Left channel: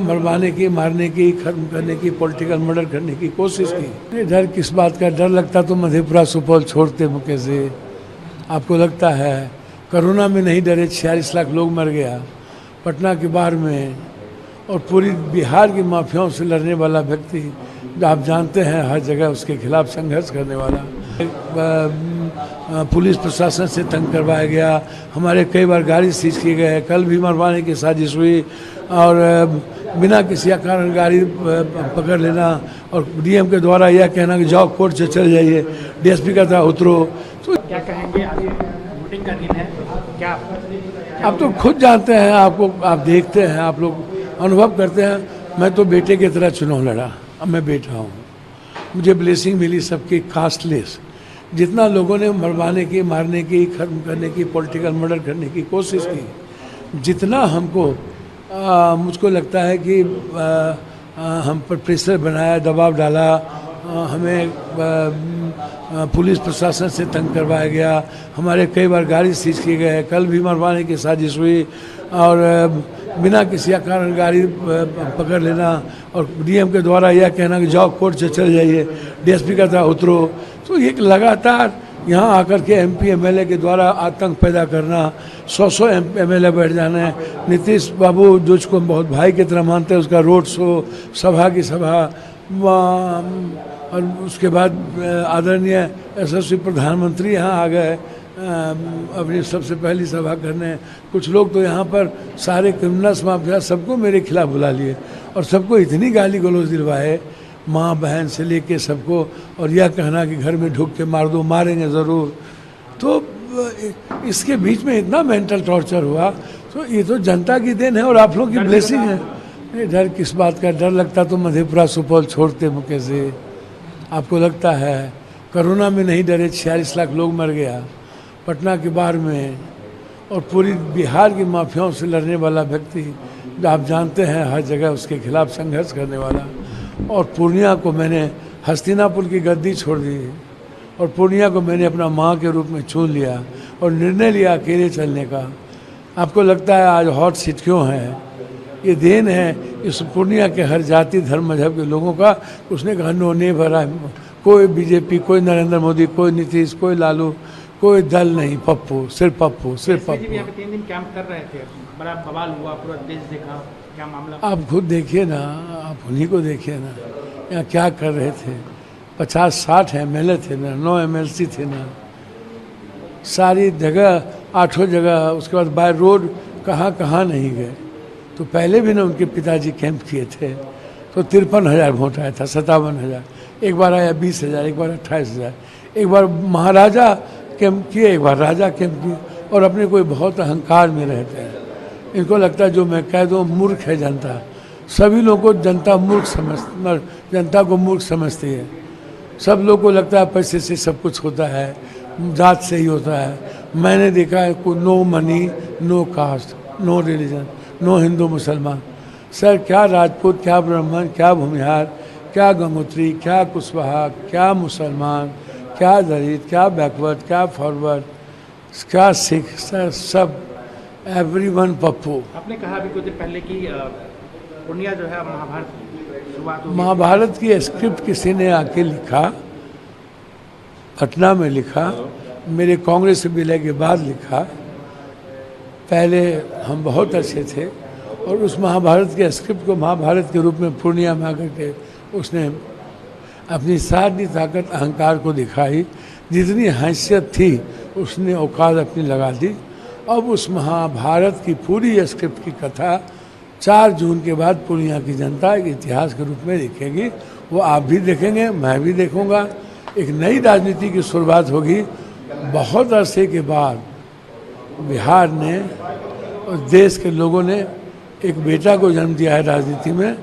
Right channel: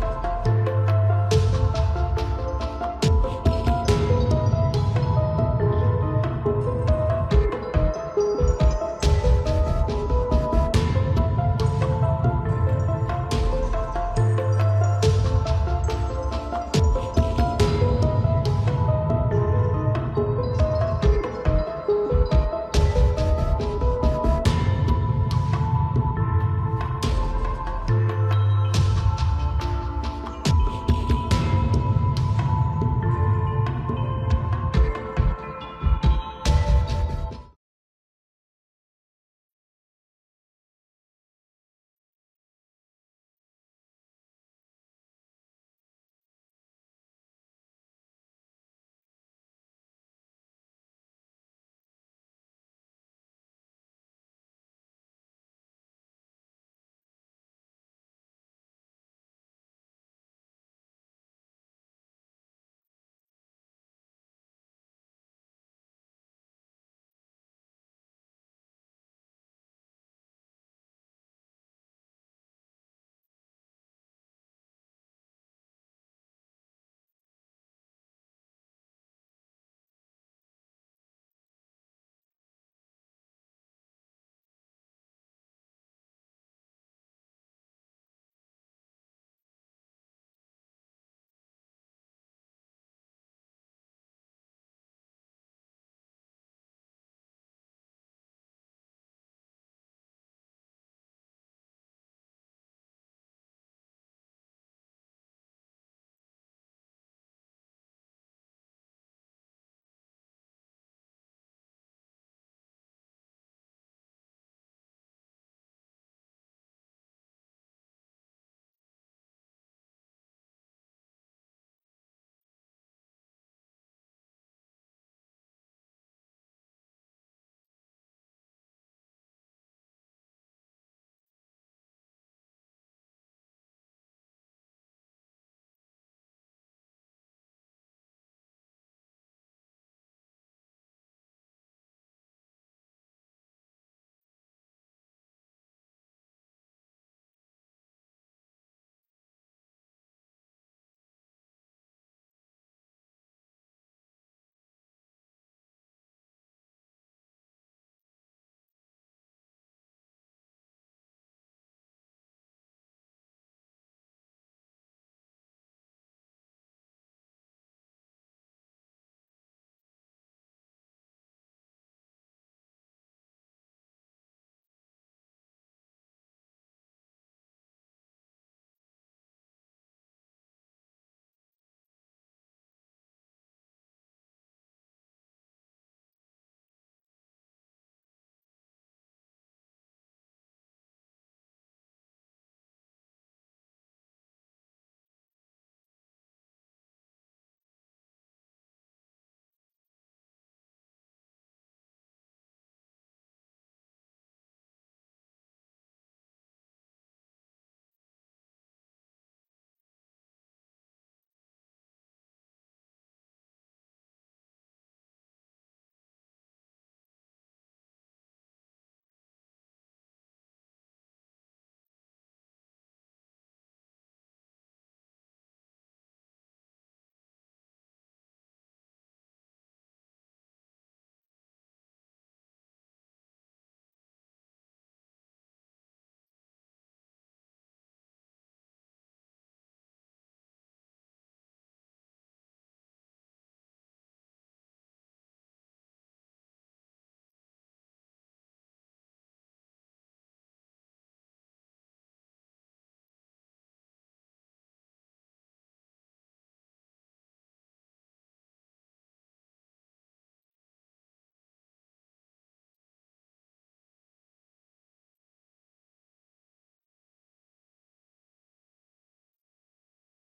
मरवाने की, मारने की, खत्म करने की, पॉलिटिकल मर्डर करने की कोशिश की। डर किस बात का? डर लगता तो मधेपुरा सुपौल छोड़ते मुके से। आपको लगता है कोरोना में नहीं डरे, 46 लाख लोग मर गया पटना के बाढ़ में, और पूरी बिहार की माफियाओं से लड़ने वाला व्यक्ति, आप जानते हैं हर जगह उसके खिलाफ संघर्ष करने वाला। पुलिस प्रशासन से तंग करवाया गया, हमारे कई बार गाड़ी सीज किए गए, कल भी मरवाने की साजिश हुई, और बिना किसी कारण गाड़ी पकड़ लेना, और डीएम के द्वारा यह कहना कि जाओ कोर्ट से चले जाइए, डीएसपी का था उतरो। तो क्या कहेंगे, अभी वोटिंग का दिन है, क्या आप तो खुद जानते हैं, आपको आप देखते हैं, आप लोग अनुभव करते हैं। मैं तो बेटे की तरह चुनाव लड़ा, अब मैं बेटा हूँ, मुझे ब्लेसिंग मिली सबकी कास्टलेस। जितना लोगों ने मरवाने की, मारने की, खत्म करने की, पॉलिटिकल मर्डर करने की कोशिश की, जितना हमको मुझको लगता है कि हम पर प्रेशर बनाया, दबाव डाला, हमें पुलिस प्रशासन से तंग करवाया गया, हमारे कई बार गाड़ी सीज किए गए, कल भी मरवाने की साजिश हुई, और बिना किसी कारण गाड़ी पकड़ लेना, और डीएम के द्वारा यह कहना कि जाओ कोर्ट से चले जाइए, डीएसपी का था उतरो। तो ये लगातार यहाँ आकर के एमपी एमएलए के द्वारा आतंक पैदा करना, 100 एमएलए बैठ जाना है। नीतीश बाबू जो उसको बहुत भाई की तरह मानते हैं, उसका रोड शो, सभा की सभा, और उसके बाद आदरणीय यशस्वी प्रधानमंत्री यहाँ आ गए अपनी सबसे पहली सभा करने। कुछ लोग तो यहाँ पर सारे क्रिमिनल्स माफिया सबको मेरे खिलाफ बुला लिए, और सबको इतनी गाली गलौज दिलवाए, माँ बहन से लेके सबको, और यह कहना कि घर में ढुक के मार दो, मारेंगे ज़रूर। तो इसके बीच में इतना मेंटल टॉर्चर हुआ, तो ये तो जनता की देन है और आप लोग की ब्लेसिंग है। डर किस बात का? डर लगता तो मधेपुरा सुपौल छोड़ते मुके से। आपको लगता है कोरोना में नहीं डरे, 46 लाख लोग मर गया पटना के बाढ़ में, और पूरी बिहार की माफियाओं से लड़ने वाला व्यक्ति, आप जानते हैं हर जगह उसके खिलाफ संघर्ष करने वाला। और पूर्णिया को मैंने हस्तिनापुर की गद्दी छोड़ दी, और पूर्णिया को मैंने अपना माँ के रूप में चुन लिया, और निर्णय लिया अकेले चलने का। आपको लगता है आज हॉट सीट क्यों है? ये देन है इस पूर्णिया के हर जाति, धर्म, मजहब के लोगों का। उसने कहा नो नहीं भरा, कोई बीजेपी, कोई नरेंद्र मोदी, कोई नीतीश, कोई लालू, कोई दल नहीं, पप्पू, सिर्फ पप्पू, सिर्फ पप्पू। 3 दिन कैंप कर रहे थे, बड़ा बवाल हुआ, पूरा देश देखा, क्या मामला? आप खुद देखिए ना, आप उन्हीं को देखिए ना, यहाँ क्या कर रहे थे। 50-60 एमएलए थे ना, 9 एमएलसी थे ना, सारी जगह, 8 जगह, उसके बाद बाय रोड कहाँ कहाँ नहीं गए। तो पहले भी ना उनके पिताजी कैंप किए थे, तो 53,000 वोट आया था, 57,000, एक बार आया 20,000, एक बार 28,000, एक बार महाराजा कैंप किए, एक बार राजा कैंप किए, और अपने कोई बहुत अहंकार में रहते हैं। इनको लगता है जो मैं कह दूँ, मूर्ख है जनता। सभी लोगों को जनता मूर्ख जनता को मूर्ख समझती है। सब लोग को लगता है पैसे से सब कुछ होता है, जात से ही होता है। मैंने देखा है कोई no money, no caste, no religion, no Hindu मुसलमान। सर क्या राजपूत, क्या ब्राह्मण, क्या भूमिहार, क्या गंगोत्री, क्या कुशवाहा, क्या मुसलमान, क्या दलित, क्या बैकवर्ड, क्या फॉरवर्ड, क्या सिख, सर सब एवरीवन पप्पू। आपने कहा अभी कुछ देर पहले कि पूर्णिया जो है महाभारत की शुरुआत हुई। महाभारत की स्क्रिप्ट किसी ने आके लिखा, पटना में लिखा, मेरे कांग्रेस से विलय के बाद लिखा। पहले हम बहुत अच्छे थे, और उस महाभारत के स्क्रिप्ट को महाभारत के रूप में पूर्णिया में आकर के उसने अपनी सारी ताकत, अहंकार को दिखाई। जितनी हैसियत थी उसने औकात अपनी लगा दी। अब उस महाभारत की पूरी स्क्रिप्ट की कथा 4 जून के बाद पूर्णिया की जनता एक इतिहास के रूप में देखेगी। वो आप भी देखेंगे, मैं भी देखूंगा। एक नई राजनीति की शुरुआत होगी। बहुत अरसे के बाद बिहार ने और देश के लोगों ने एक बेटा को जन्म दिया है राजनीति में,